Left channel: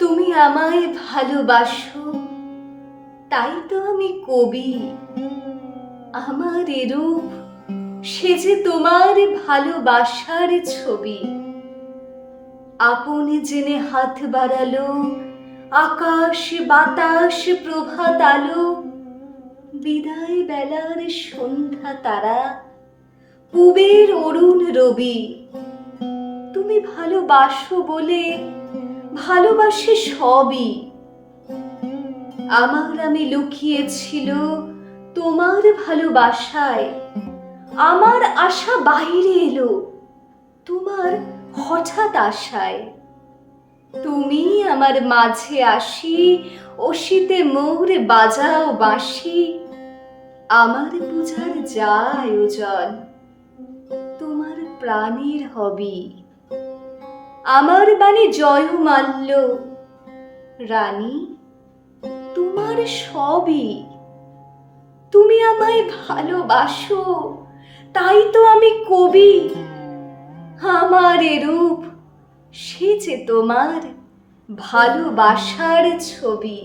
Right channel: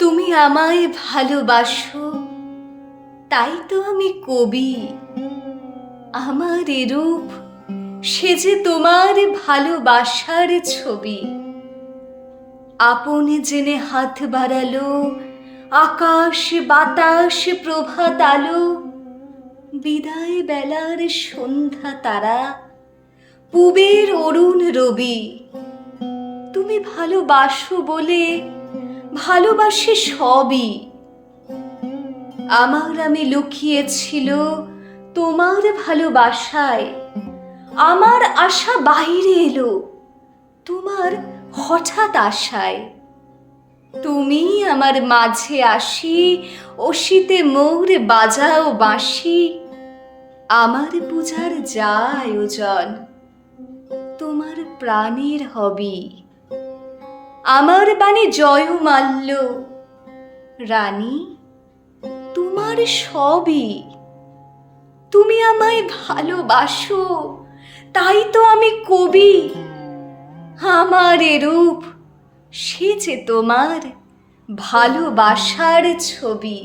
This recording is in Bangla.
তুমি আমায় ভালোবাসো তাই তো আমি কবি আমার এরূপ সে যে তোমার ভালোবাসার ছবি আপন জেনে হাত বাড়ালো আকাশ বাতাস প্রভাত আলো বিদায় বেলার সন্ধ্যা তারা পুবের অরুণ রবি তুমি ভালোবাসো বলে ভালোবাসে সবই আমার আমি লুকিয়েছিল তোমার ভালোবাসায় আমার আশা বাহিরে এলো তোমার হঠাৎ আশায় তুমি আমার মাঝে আসি অসিতে মোর বাজাও বাঁশি আমার পূজার যা আয়োজন তোমার প্রাণের হবি আমার বাণী জয় মাল্য রানী তোমার সবই তুমি আমায় ভালোবাসো তাই তো আমি কবি আমার রূপ সে যে তোমার ভালোবাসার ছবি